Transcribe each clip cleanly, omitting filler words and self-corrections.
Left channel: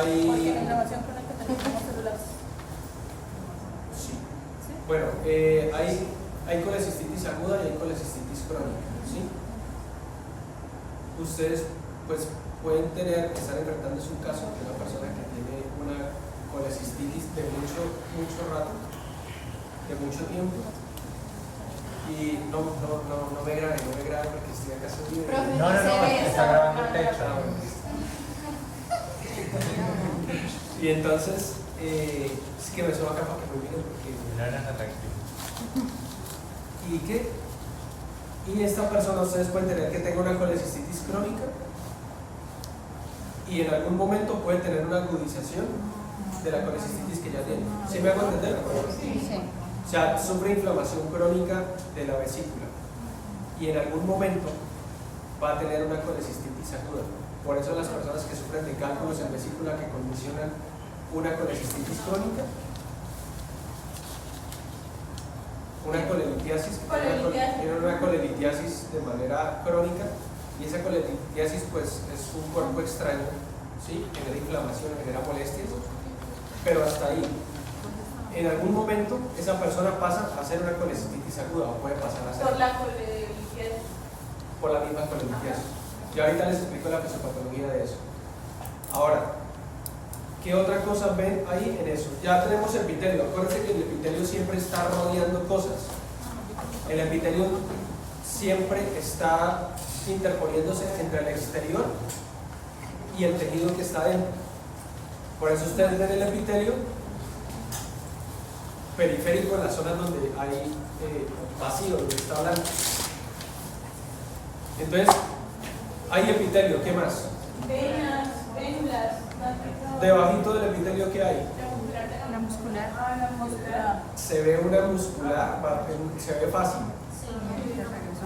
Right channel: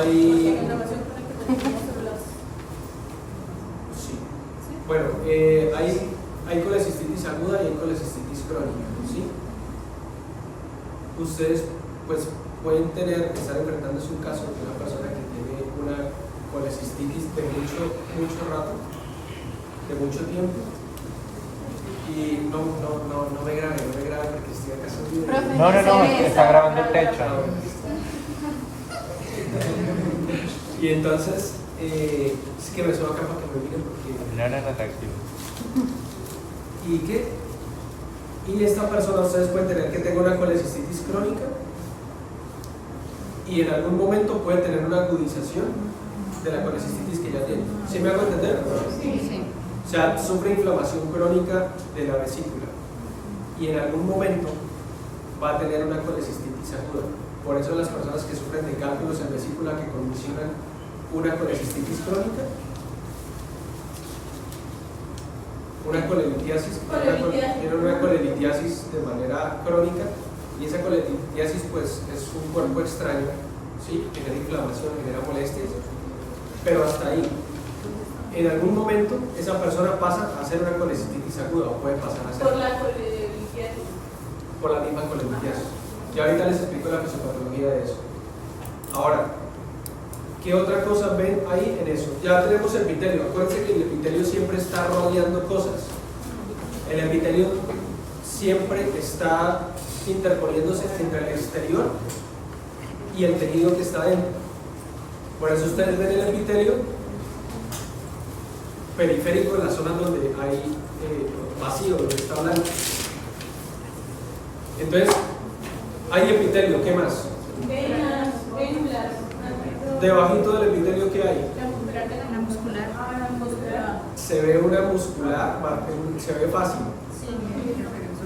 hay... En relación con el que tenemos celulares. Sí. Bueno, hay colecistitis aguda y hay colecistitis crónica, ¿sí? Ustedes pues pueden estar enfrentándose un caso de una persona que tiene una colecistitis de mucho rato, de mucho tiempo, y no me grabe porque estoy acá solo. No, está grabando el techo. Y entonces, es que me subo acá para que me miren porque... No era atractivo. ¿Y qué? Y esta persona, ustedes pueden tener que tenga una colecistitis crónica y en algún momento puede tener una agudización de la colecistitis que ya tiene. ¿Sí me hago entender? Sí. O sea, sufre inflamación crónica de la vesícula y en algún momento va a tener una colecistitis aguda. Por eso las personas que sufren de cálculos en vesícula que condicionan una colecistitis crónica, una colelitiasis, tienen una colelitiasis de manera crónica, y esa colelitiasis pues es un cuerpo extraño, ¿sí? Genera inflamación, genera molestias, pero hasta ahí. En algún momento esa persona pasa a ser una colecistitis aguda o puede pasar a ser Por la colelitiasis. por la misma colelitiasis. Y ahorita les explico la fisiopatología de eso. Ahora, ¿qué otra cosa ven ahí en eso? Ya tenemos el epitelio. Acuérdense que el epitelio siempre está rodeando cosas. El epitelio siempre está interponiéndose entre el exterior y el tejido que está dentro. Por eso ustedes ven el epitelio periférico en las zonas donde hay vacío, donde está blanco. Entonces, hay epitelio, ¿qué más? Venas, vénulas. Debajito del epitelio, ¿qué hay? La muscular. Se ve una muscular, se ve fácil.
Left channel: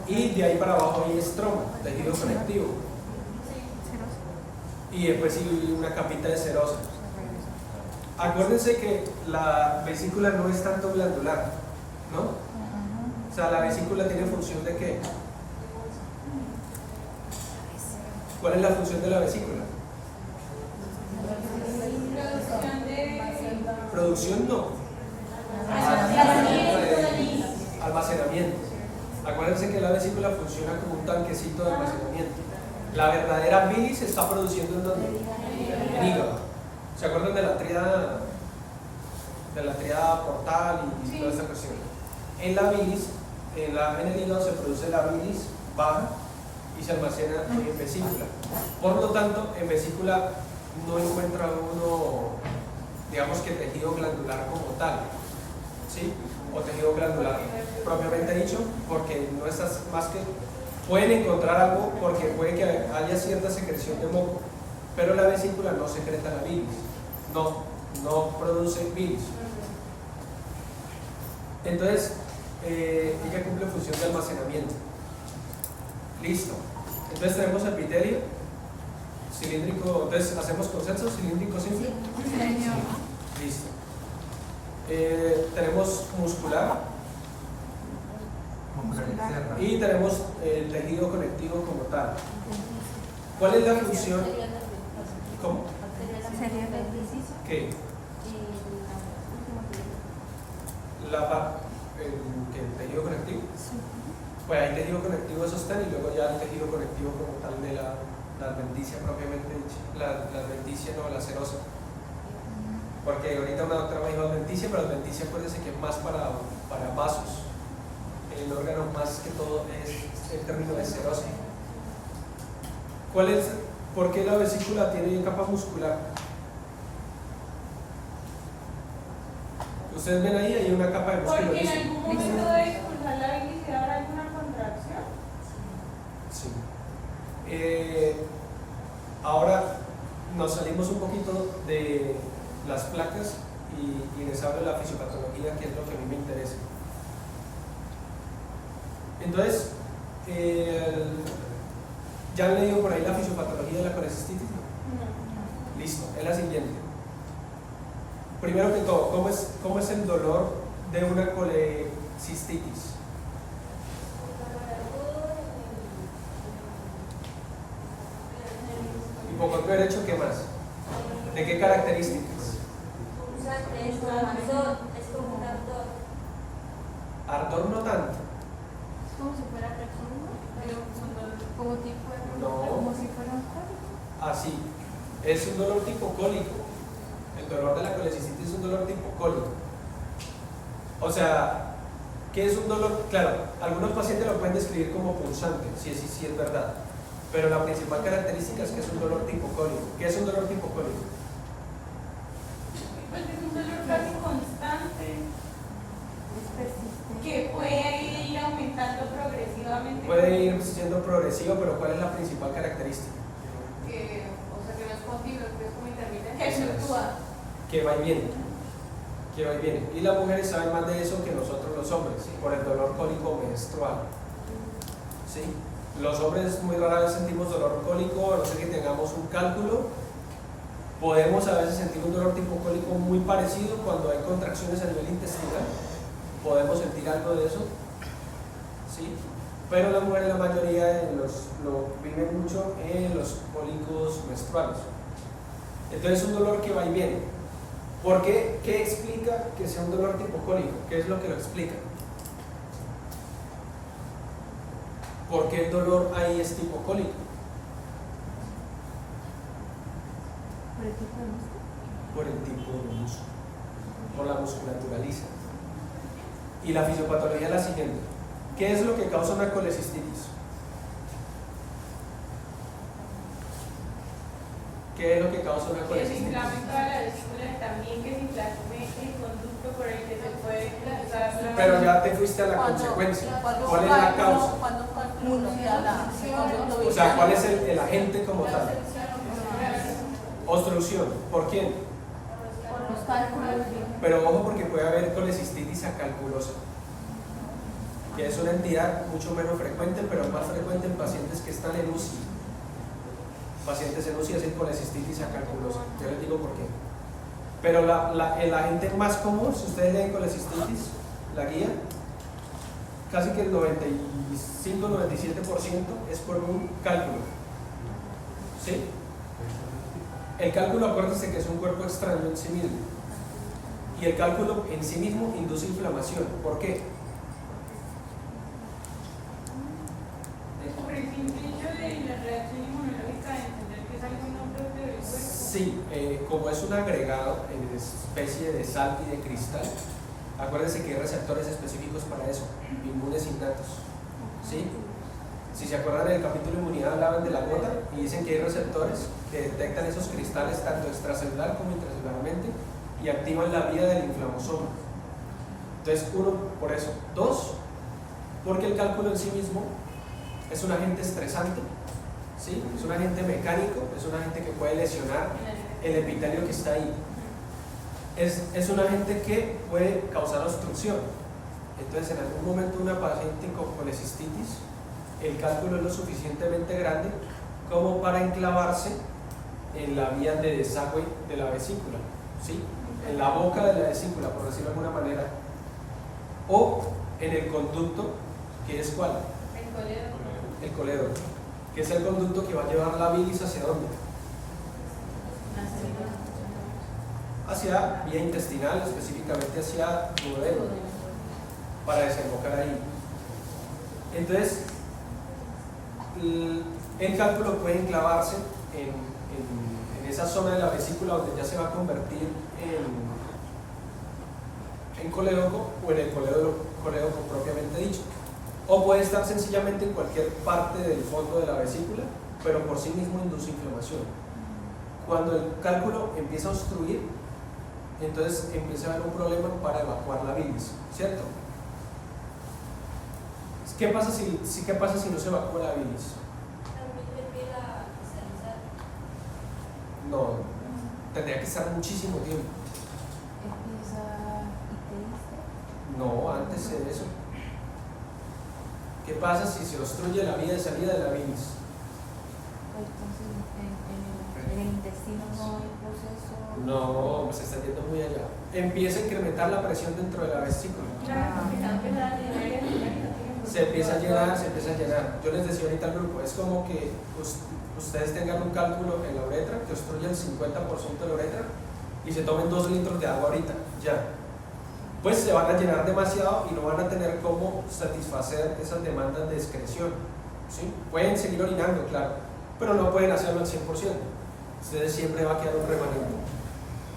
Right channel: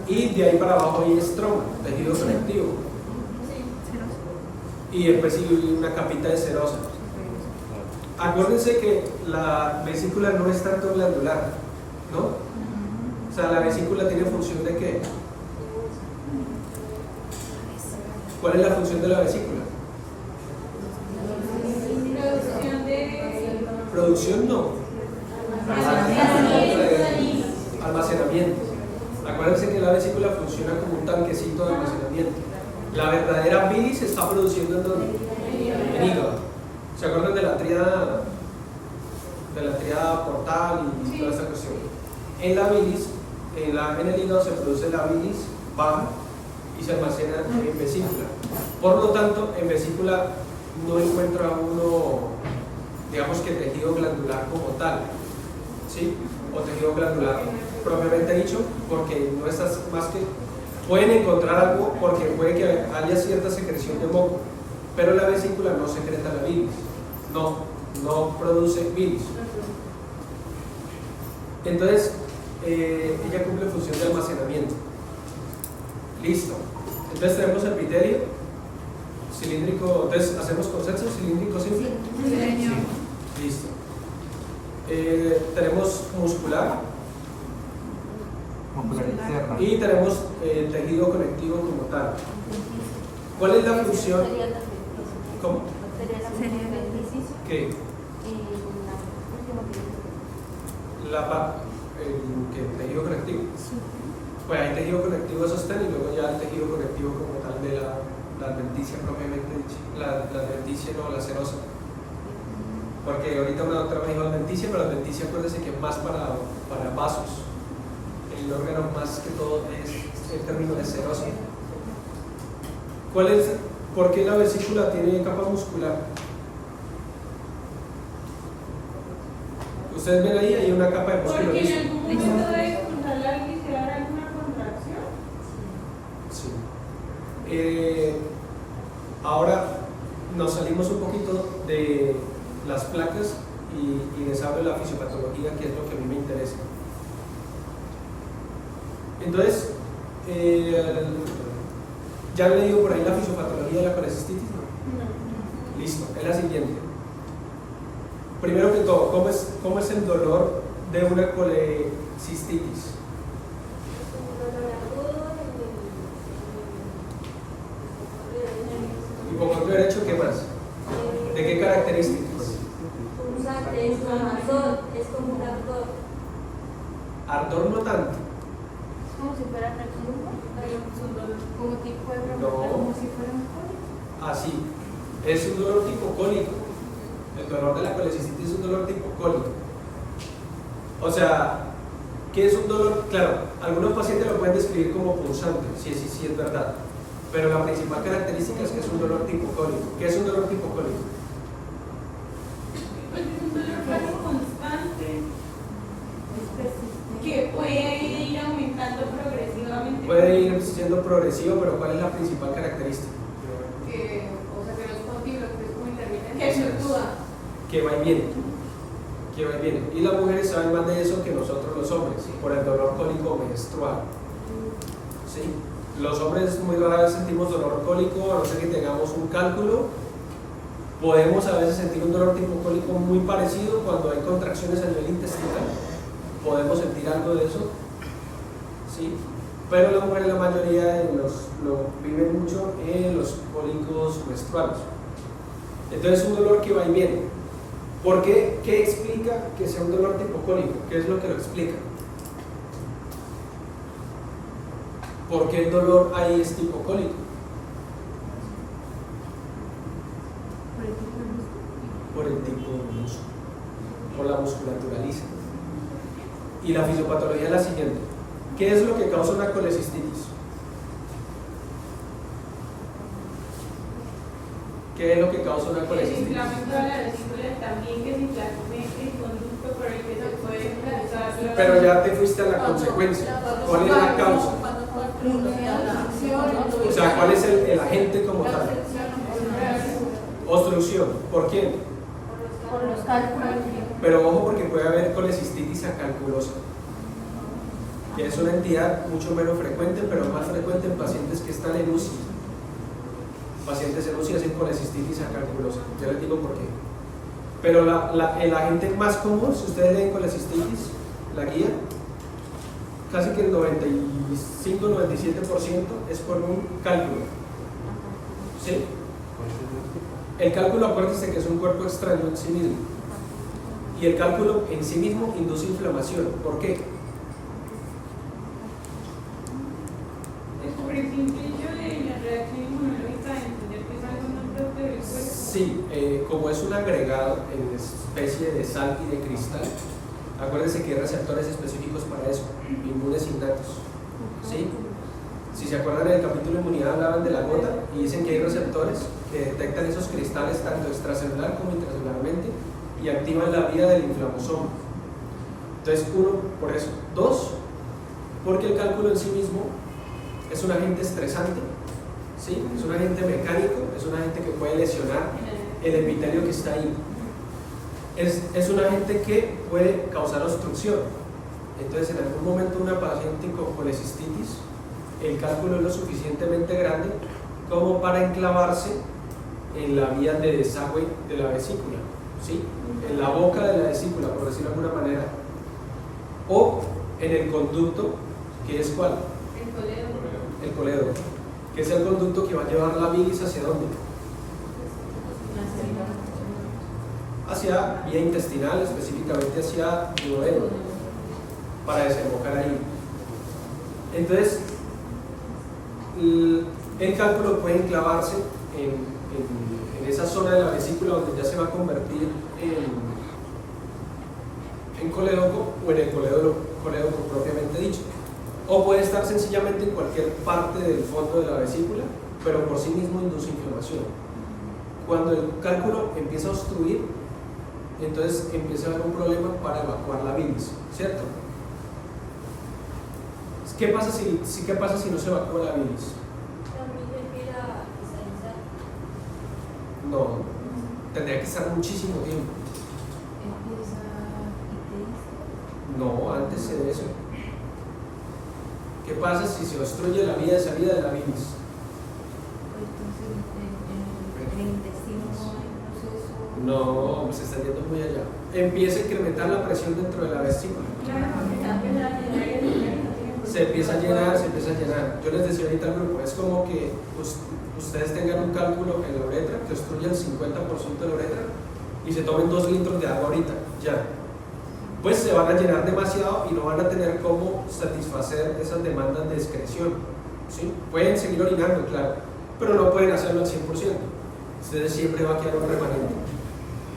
Y de ahí para abajo hay estroma, tejido conectivo. Y después hay una capita de serosa. Acuérdense que la vesícula no es tanto glandular, ¿no? O sea, la vesícula tiene función de ¿qué? ¿Cuál es la función de la vesícula? Producción no. Almacenamiento. Acuérdense que la vesícula funciona como un tanquecito de almacenamiento. La verdadera bilis se está produciendo ¿en dónde? En hígado. ¿Se acuerdan de la tríada portal y toda esta cuestión? En la bilis, en el hígado se produce la bilis baja y se almacena en vesícula. Por lo tanto, en vesícula no encuentra uno, digamos que tejido glandular como tal, ¿sí? O tejido glandular propiamente dicho, porque no estás más que... Pueden encontrar algo porque puede que haya cierta secreción de moco, pero la vesícula no secreta la bilis, no produce bilis. Entonces, ella cumple función de almacenamiento. Listo. Entonces tenemos el epitelio cilíndrico. Entonces, ¿hacemos consenso? ¿Cilíndrico simple? Sí. Listo. Tenemos muscular y tenemos el tejido conectivo como tal. ¿Cuál es la función? ¿Cómo? ¿Qué? El tejido conectivo. Pues hay tejido conectivo de sostén y luego ya el tejido conectivo como tal de la adventicia propiamente dicha. La adventicia no, la serosa. Porque ahorita una doctora me dijo adventicia, pero adventicia acuérdense que es más para vasos. El órgano más que todo es el término de serosa. ¿Por qué la vesícula tiene capa muscular? Ustedes ven ahí, hay una capa de músculo Porque liso. en algún momento debe controlar y crear alguna contracción. Sí. Ahora nos salimos un poquito de las placas y les hablo de la fisiopatología, que es lo que a mí me interesa. Entonces, ¿ya han leído por ahí la fisiopatología de la colecistitis? No. Listo, es la siguiente. Primero que todo, ¿cómo es el dolor de una colecistitis? Hipocondrio derecho, ¿qué más? ¿De qué ¿Qué características? Usa ardor, es como un ardor. Ardor no tanto. Como si fuera como tipo de No. como si fuera un cólico. Así. Es un dolor tipo cólico. El dolor de la colecistitis es un dolor tipo cólico. O sea, ¿qué es un dolor? Claro, algunos pacientes lo pueden describir como punzante, sí es verdad. Pero la principal característica es que es un dolor tipo cólico. ¿Qué es un dolor tipo cólico? Pues es un dolor casi constante. Que puede ir aumentando progresivamente. Puede ir siendo progresivo, pero ¿cuál es la principal característica? Que no es continuo, que es muy intermitente. Que fluctúa. Que va y viene. Que va y viene. Y las mujeres saben más de eso que nosotros los hombres, por el dolor cólico menstrual. ¿Sí? Los hombres muy rara vez sentimos dolor cólico, a no ser que tengamos un cálculo. Podemos a veces sentir un dolor tipo cólico muy parecido cuando hay contracciones a nivel intestinal. Podemos sentir algo de eso, ¿sí? Pero las mujeres, la mayoría lo viven mucho en los cólicos menstruales. Entonces es un dolor que va y viene. ¿Por qué? ¿Qué explica que sea un dolor tipo cólico? ¿Qué es lo que lo explica? ¿Por qué el dolor ahí es tipo cólico? Por el tipo de músculo, por la musculatura lisa. Y la fisiopatología es la siguiente. ¿Qué es lo que causa una colecistitis? ¿Qué es lo que causa una El colecistitis? inflamamiento de la vesícula también, que se inflame el conducto por el que se puede cruzar. Pero ya te fuiste a la consecuencia. ¿Cuál es la causa? O sea, ¿cuál es el agente como tal? Obstrucción. ¿Por quién? Por los cálculos. Pero ojo, porque puede haber colecistitis acalculosa, que es una entidad mucho menos frecuente, pero más frecuente en pacientes que están en UCI. Pacientes en UCI hacen colecistitis acalculosa. Ya les digo por qué. Pero el agente más común, si ustedes leen colecistitis, la guía, casi que el 95-97% es por un cálculo. ¿Sí? El cálculo, acuérdense que es un cuerpo extraño en sí mismo. Y el cálculo en sí mismo induce inflamación. ¿Por qué? Por el simple hecho de la reacción inmunológica de entender que es algo no propio del cuerpo. Sí, como es un agregado en especie de sal y de cristal, acuérdense que hay receptores específicos para eso, inmunes innatos. ¿Sí? Si se acuerdan en el capítulo de inmunidad hablaban de la gota y dicen que hay receptores que detectan esos cristales tanto extracelular como intracelularmente y activan la vía del inflamosoma. Entonces, uno, por eso. Dos, porque el cálculo en sí mismo es un agente estresante, ¿sí? Es un agente mecánico, es un agente que puede lesionar el epitelio que está ahí. Es un agente que puede causar obstrucción. Entonces, en algún momento una paciente con colecistitis, el cálculo es lo suficientemente grande como para enclavarse en la vía de desagüe de la vesícula, ¿sí? En la boca de la vesícula, por decirlo de alguna manera, o en el conducto, que es ¿cuál? El colédoco, que es el conducto que va a llevar la bilis hacia dónde? Hacia vía intestinal, específicamente hacia duodeno, para desembocar ahí. Entonces, el cálculo puede enclavarse en esa zona de la vesícula donde ya se va a convertir en colédoco o en el colédoco propiamente dicho. O puede estar sencillamente en cualquier parte del fondo de la vesícula, pero por sí mismo induce inflamación. Cuando el cálculo empieza a obstruir, entonces empieza a haber un problema para evacuar la bilis, ¿cierto? ¿Qué pasa si no se evacúa la bilis? No, tendría que estar muchísimo tiempo. No, antes de eso. ¿Qué pasa si se obstruye la vía de salida de la bilis? Entonces, en el intestino no hay proceso. No, se está yendo muy allá. Empieza a incrementar la presión dentro de la vesícula. se empieza a llenar, se empieza a llenar. Yo les decía ahorita al grupo, es como que ustedes tengan un cálculo en la uretra que obstruya el 50% de la uretra y se tomen 2 litros de agua ahorita, ya. Pues se van a llenar demasiado y no van a tener cómo satisfacer esas demandas de excreción, ¿sí? Pueden seguir orinando, claro, pero no pueden hacerlo al 100%. Ustedes siempre va a quedar un remanente.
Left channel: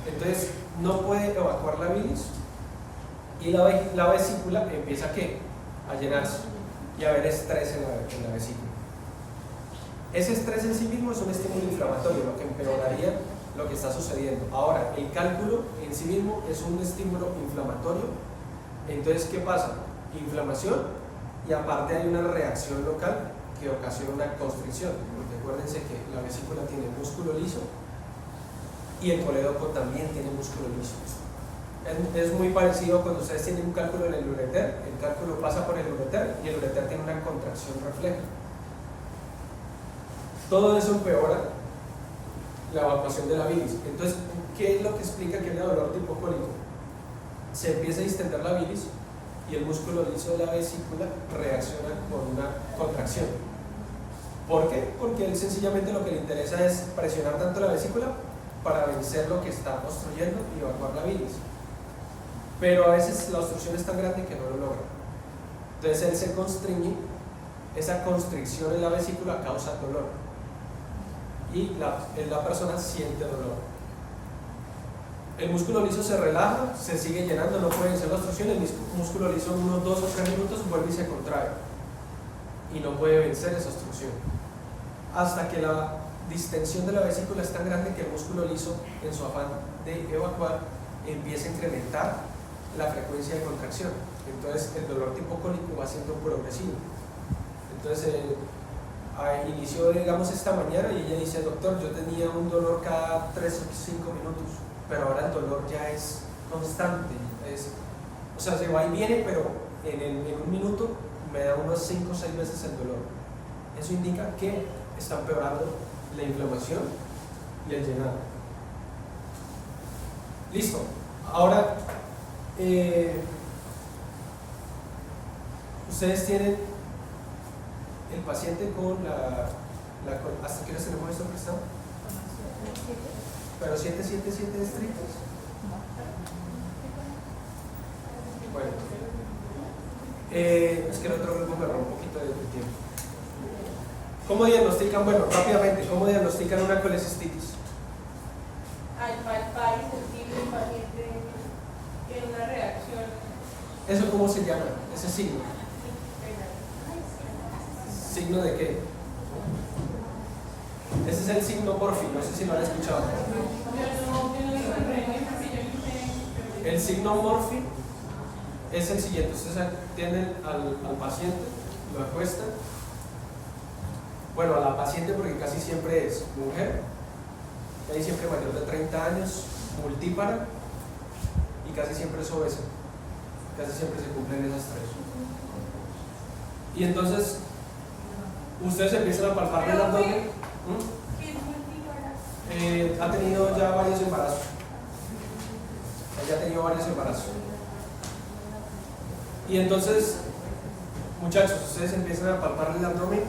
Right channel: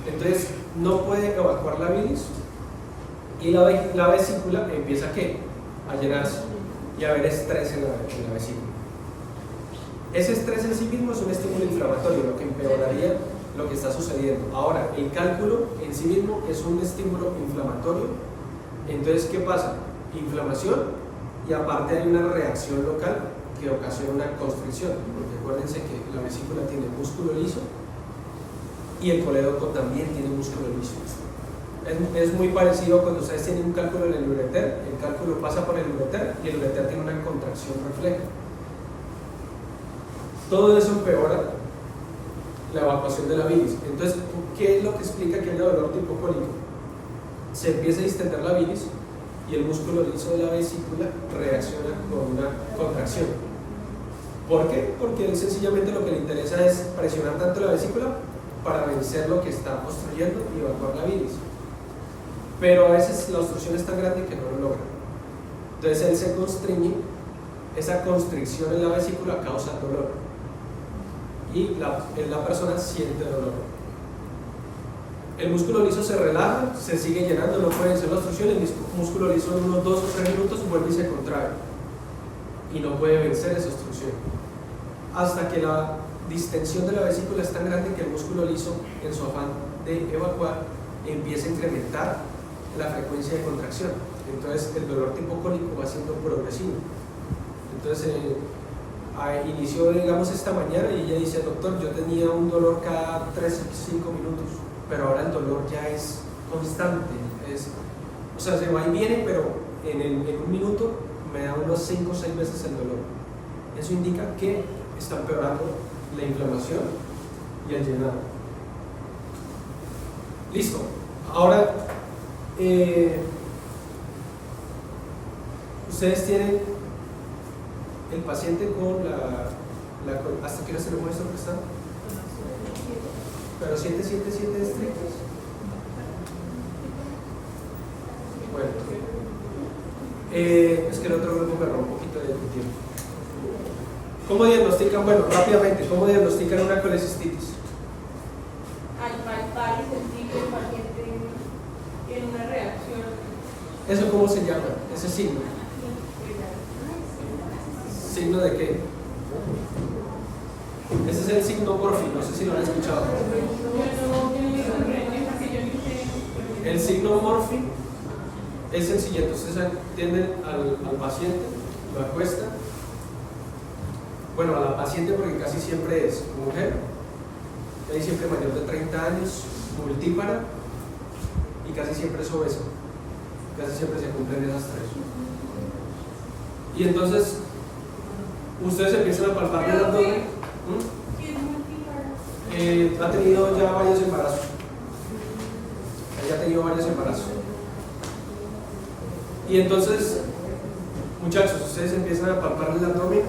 Entonces, no puede evacuar la bilis y la vesícula empieza ¿qué? A llenarse y a haber estrés en la vesícula. Ese estrés en sí mismo es un estímulo inflamatorio, lo que empeoraría lo que está sucediendo. Ahora, el cálculo en sí mismo es un estímulo inflamatorio. Entonces, ¿qué pasa? Inflamación y aparte hay una reacción local que ocasiona una constricción, porque acuérdense que la vesícula tiene músculo liso y el colédoco también tiene músculo liso. Es muy parecido cuando ustedes tienen un cálculo en el ureter, el cálculo pasa por el ureter y el ureter tiene una contracción refleja. Todo eso empeora la evacuación de la bilis. Entonces, ¿qué es lo que explica que haya dolor tipo cólico? Se empieza a distender la bilis y el músculo liso de la vesícula reacciona con una contracción. ¿Por qué? Porque él sencillamente lo que le interesa es presionar tanto la vesícula para vencer lo que está obstruyendo y evacuar la bilis. Pero a veces la obstrucción es tan grande que no lo logra. Entonces él se constriñe, esa constricción en la vesícula causa dolor y la persona siente dolor. El músculo liso se relaja, se sigue llenando, no puede vencer la obstrucción, el músculo liso en unos 2 o 3 minutos vuelve y se contrae y no puede vencer esa obstrucción hasta que la distensión de la vesícula es tan grande que el músculo liso, en su afán de evacuar, empieza a incrementar la frecuencia de contracción. Entonces el dolor tipo cólico va siendo progresivo. Entonces inició, digamos, esta mañana y ella dice: doctor, yo tenía un dolor cada 3 o 5 minutos, pero ahora el dolor ya es constante, o sea, se va y viene, pero en un minuto me da unos 5 o 6 veces el dolor. Eso indica que está empeorando la inflamación y el llenado. Listo. Ahora, ustedes tienen el paciente con ¿hasta qué hora tenemos esto prestado? Pero 777 estrictos. Bueno, es que el otro grupo me robó un poquito de tiempo. ¿Cómo diagnostican? Bueno, rápidamente, ¿cómo diagnostican una colecistitis? Al palpar y sentir que el paciente tiene una reacción. ¿Eso cómo se llama? Ese signo. ¿Signo de qué? Ese es el signo Murphy, no sé si lo han escuchado. El signo Murphy es el siguiente: ustedes atienden al paciente, lo acuestan. Bueno, a la paciente, porque casi siempre es mujer, casi siempre mayor de 30 años, multípara y casi siempre es obesa. Casi siempre se cumplen esas 3. Y entonces ustedes empiezan a palpar el abdomen. Ha tenido ya varios embarazos. Ella ha tenido varios embarazos. Y entonces, muchachos, ustedes empiezan a palpar el abdomen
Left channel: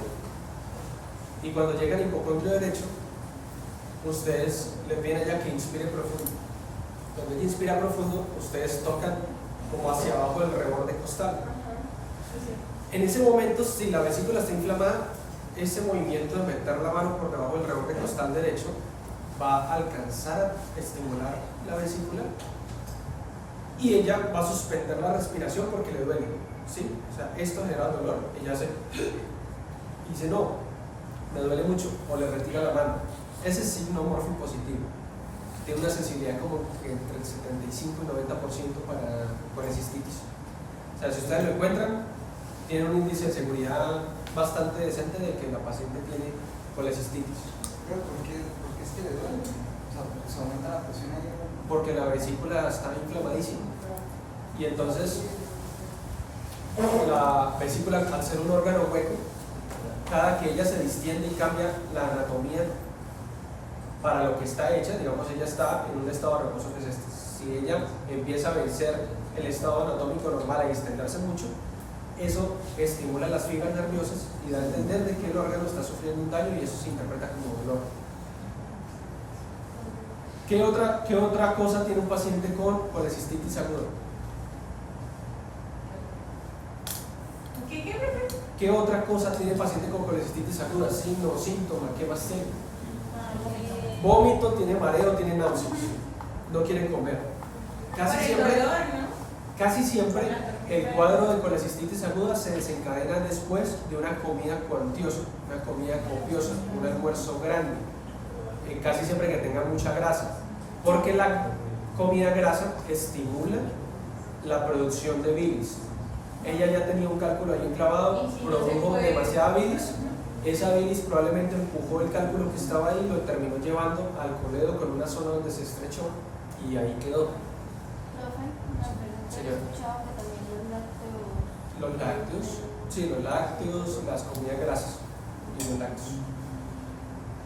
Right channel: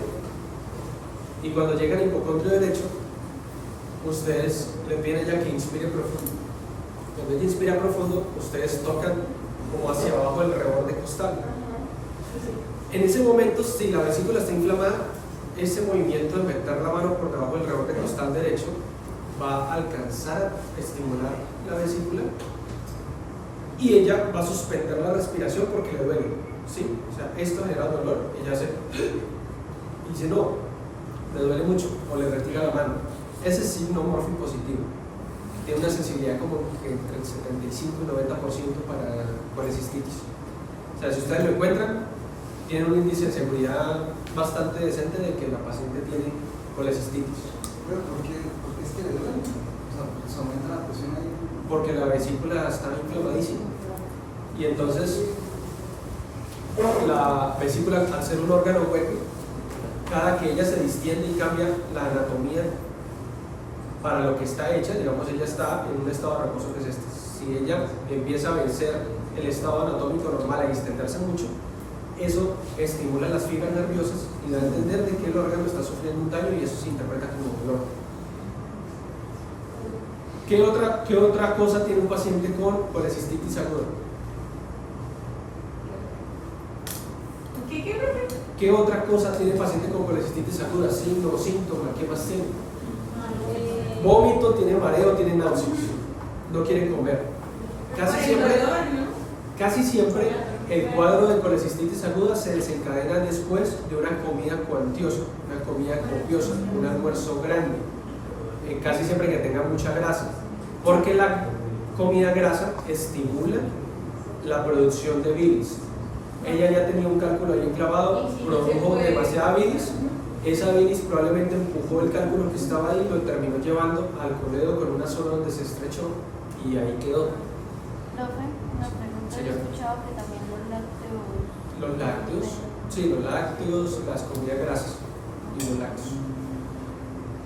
y cuando llega al hipocondrio derecho, ustedes le piden a ella que inspire profundo. Cuando ella inspira profundo, ustedes tocan como hacia abajo del reborde costal. En ese momento, si la vesícula está inflamada, ese movimiento de meter la mano por debajo del reborde costal derecho va a alcanzar a estimular la vesícula y ella va a suspender la respiración porque le duele, ¿sí? O sea, esto genera dolor, ella hace y dice: no, me duele mucho, o le retira la mano. Ese es signo Murphy positivo, tiene una sensibilidad como entre el 75 y 90% para colecistitis. O sea, si ustedes lo encuentran, tiene un índice de seguridad bastante decente de que la paciente tiene colecistitis. ¿Pero por qué es que le duele? O sea, ¿se aumenta la presión ahí? Porque la vesícula está inflamadísima y entonces la vesícula, al ser un órgano hueco, cada que ella se distiende y cambia la anatomía para lo que está hecha, digamos, ella está en un estado de reposo que es este. Si ella empieza a vencer el estado anatómico normal a extenderse mucho, eso estimula las fibras nerviosas y da a entender de que el órgano está sufriendo un daño y eso se interpreta como dolor. ¿Qué otra cosa tiene un paciente con colecistitis aguda? ¿Qué otra cosa tiene el paciente con colecistitis aguda? Signo, síntoma, ¿qué más tiene? Vómito, tiene mareo, tiene náuseas, no quiere comer. Casi siempre el cuadro de colecistitis aguda se desencadena después de una comida cuantiosa, una comida copiosa, un almuerzo grande, casi siempre que tenga mucha grasa, porque la comida grasa estimula la producción de bilis. Ella ya tenía un cálculo ahí enclavado, produjo demasiada bilis, esa bilis probablemente empujó el cálculo que estaba ahí y lo terminó llevando al coledo con una zona donde se estrechó y ahí quedó. He escuchado que también Los lácteos, sí, los lácteos, las comidas grasas y los lácteos.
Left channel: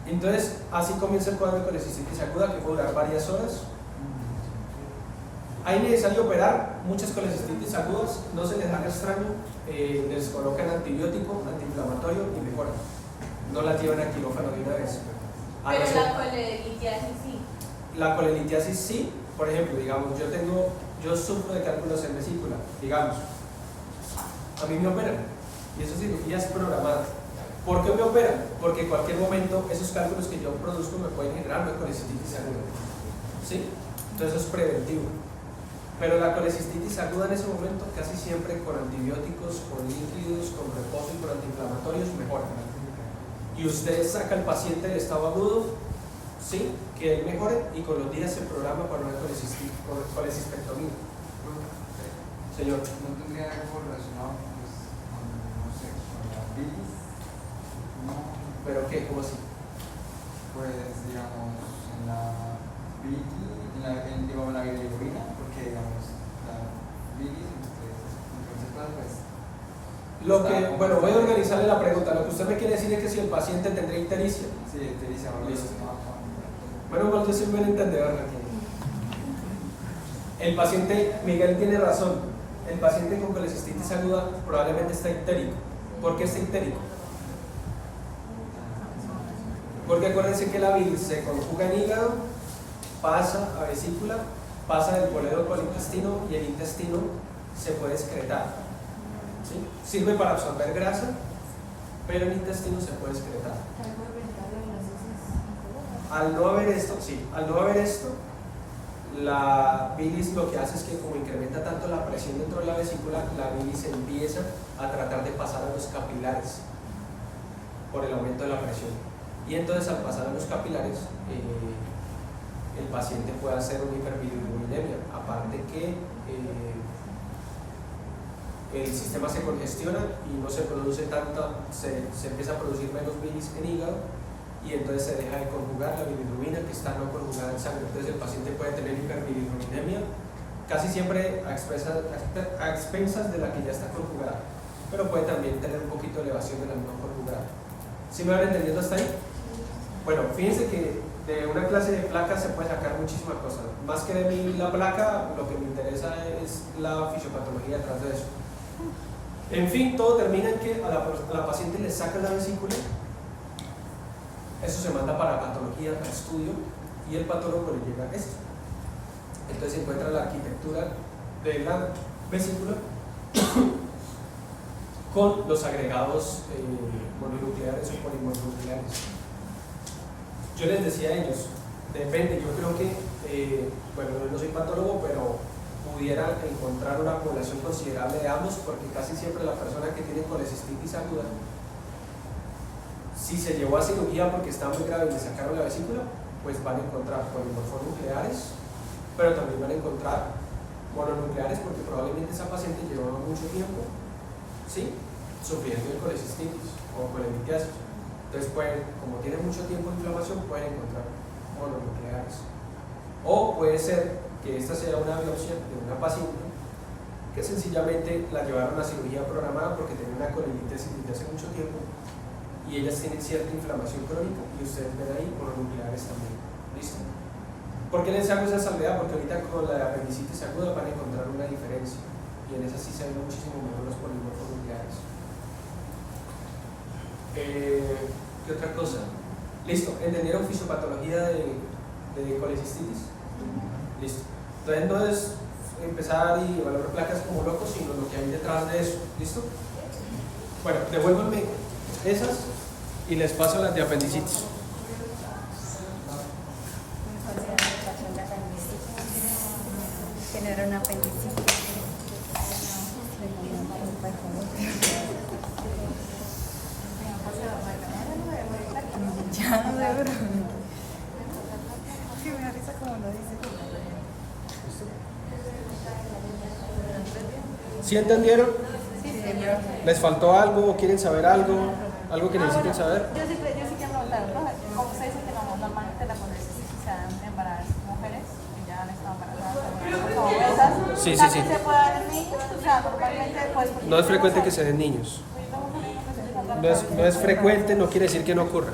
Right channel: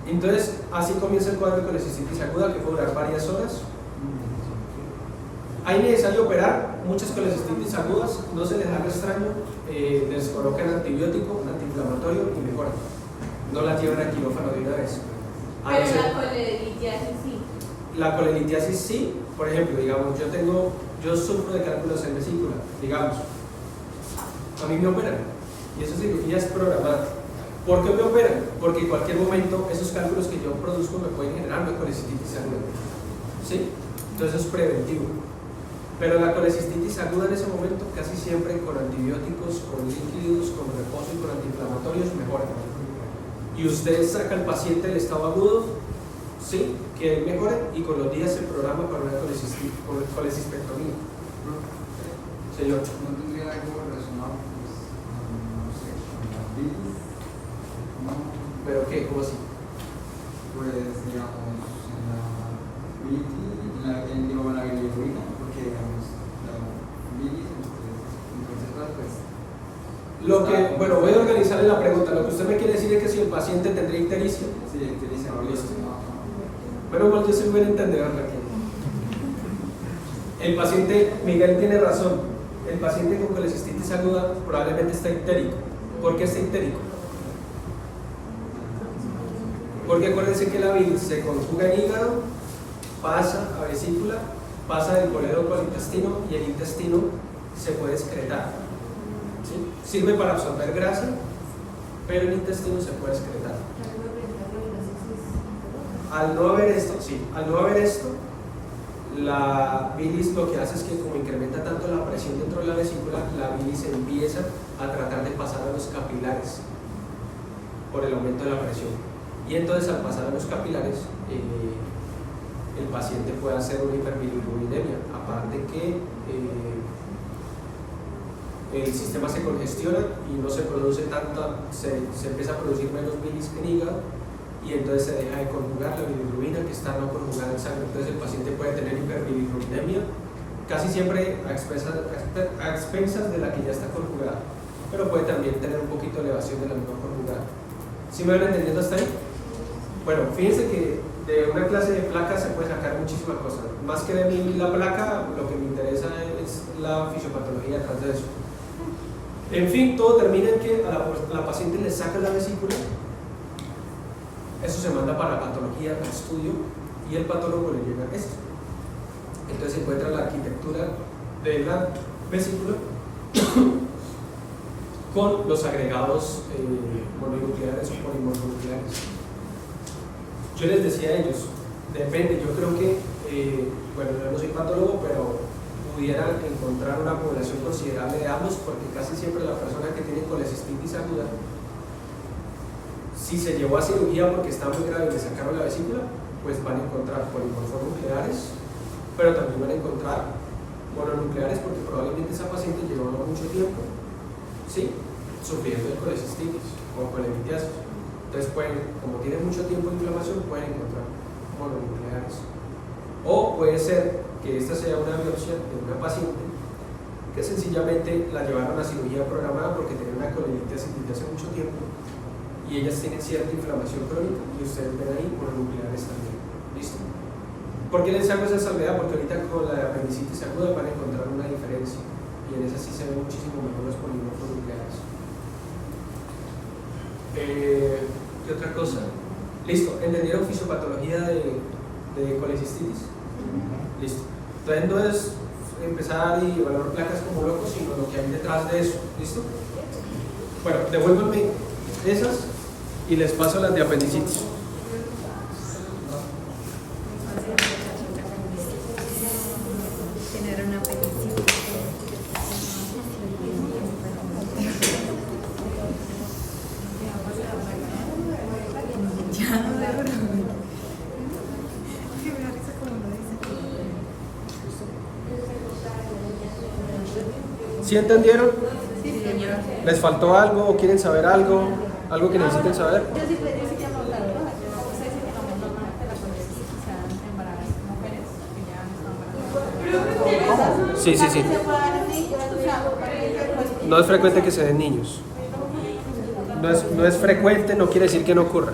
Entonces, así comienza el cuadro de colecistitis aguda que puede durar varias horas. ¿Hay necesario operar? Muchas colecistitis agudas, no se les haga extraño, les colocan antibiótico, antiinflamatorio y mejoran. No las llevan al quirófano de una vez. Pero la colelitiasis sí. La colelitiasis sí, por ejemplo, digamos, yo sufro de cálculos en vesícula, digamos, a mí me operan y esa cirugía es programada. ¿Por qué me operan? Porque en cualquier momento esos cálculos que yo produzco me pueden generar una colecistitis aguda, ¿sí? Entonces eso es preventivo. Pero la colecistitis aguda en ese momento casi siempre con antibióticos, con líquidos, con reposo y con antiinflamatorios mejora. Y usted saca al paciente del estado agudo, sí, que él mejore y con los días se programa para una colecistectomía. Señor. ¿No tendría algo relacionado pues, con, no sé, con la bilis? No. ¿Pero qué? ¿Cómo así? Pues digamos, en la bilis, digo, en la bilirrubina, porque digamos, la bilis, entonces, pues. Bueno, voy a organizarle la pregunta. Lo que usted me quiere decir es que si el paciente tendría ictericia. Sí, ictericia, listo. no. Menos mal, yo soy buen entendedor aquí. El paciente, Miguel tiene razón. El paciente con colecistitis aguda probablemente está ictérico. ¿Por qué está ictérico? Porque acuérdense que la bilis se conjuga en hígado, pasa a vesícula, pasa del coledoco al intestino y el intestino se puede excretar. ¿Sí? Sirve para absorber grasa, pero el intestino se puede excretar. Al no haber esto, la bilis lo que hace es que como incrementa tanto la presión dentro de la vesícula, la bilis empieza a tratar de pasar a los capilares por el aumento de la presión. Y entonces al pasar a los capilares, el paciente puede hacer una hiperbilirrubinemia, aparte que el sistema se congestiona y no se produce tanta, se empieza a producir menos bilis en hígado y entonces se deja de conjugar la bilirrubina que está no conjugada en sangre. Entonces el paciente puede tener hiperbilirrubinemia, casi siempre a expensas de la que ya está conjugada, pero puede también tener un poquito de elevación de la no conjugada. ¿Sí me van entendiendo hasta ahí? Bueno, fíjense que de una clase de placas se puede sacar muchísimas cosas. Más que de mí la placa, lo que me interesa es la fisiopatología detrás de eso. En fin, todo termina en que a la paciente le sacan la vesícula, eso se manda para patología, para estudio, y el patólogo le llega esto. Entonces se encuentra la arquitectura de la vesícula con los agregados mononucleares o polimorfonucleares. Yo les decía a ellos, depende, yo creo que, bueno, yo no soy patólogo, pero pudiera encontrar una población considerable de ambos, porque casi siempre la persona que tiene colecistitis aguda, si se llevó a cirugía porque está muy grave y le sacaron la vesícula, pues van a encontrar polimorfonucleares, pero también van a encontrar mononucleares porque probablemente esa paciente llevaba mucho tiempo, ¿sí?, sufriendo de colecistitis o colelitiasis. Entonces como tiene mucho tiempo de inflamación, pueden encontrar mononucleares. O puede ser que esta sea una biopsia de una paciente que sencillamente la llevaron a cirugía programada porque tenía una colelitiasis desde hace mucho tiempo y ellas tienen cierta inflamación crónica y ustedes ven ahí mononucleares también. ¿Listo? ¿Por qué les hago esa salvedad? Porque ahorita con la apendicitis aguda van a encontrar una diferencia. y en esa sí se ven muchísimo mejor los polímorfos nucleares. ¿Qué otra cosa? Listo, ¿entendieron fisiopatología de colecistitis? Listo. Entonces no es empezar y evaluar placas como locos, sino lo que hay detrás de eso. ¿Listo? Bueno, devuélvanme esas y les paso las de apendicitis. Tener una apendicitis. Ya no sé, pero que me da risa como lo dice. ¿Sí entendieron? Sí, pero ¿Les faltó algo o quieren saber algo? ¿Algo que necesiten saber? yo sí quiero preguntar, ¿no? ¿Cómo se dice que no, normalmente la colecistitis se dan en mujeres que ya han estado embarazadas? Sí, sí, sí. ¿Se puede dar en niños? O sea, normalmente, pues, No es frecuente que se den niños. No es frecuente, no quiere decir que no ocurra.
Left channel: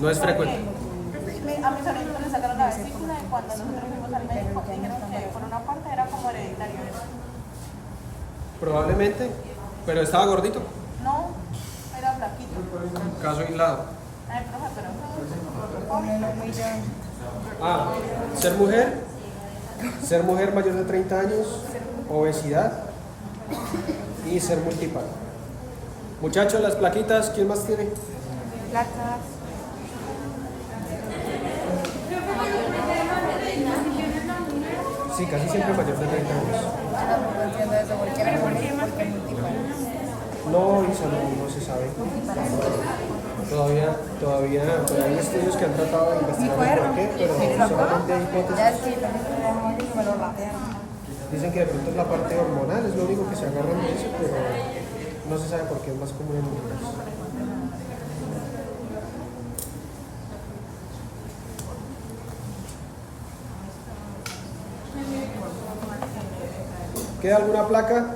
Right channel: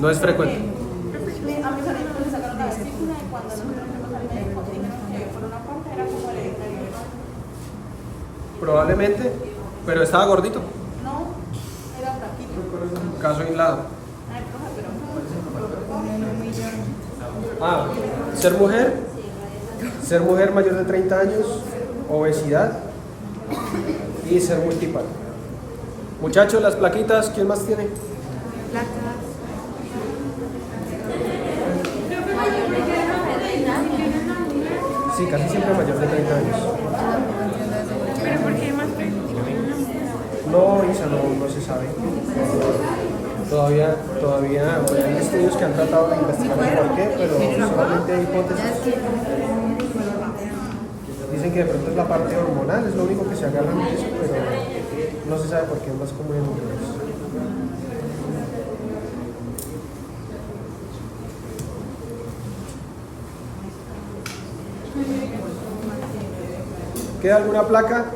No es frecuente. a mis sobrinos me sacaron la vesícula y cuando nos fuimos al médico dijeron que por una parte era como hereditario eso. Probablemente, pero estaba gordito. No, era flaquito. Caso aislado. Ay, profe, pero Ser mujer mayor de 30 años, obesidad y ser multipal. Muchachos, las plaquitas, ¿quién más tiene? placas. Sí, casi siempre mayor de 30 años. No, Isa, no se sabe. Todavía hay estudios que han tratado de investigar por qué, pero solamente hay hipótesis. Dicen que de pronto es la parte hormonal, es lo único que se agarran de eso, pero no se sabe por qué es más común en mujeres. ¿Queda alguna placa?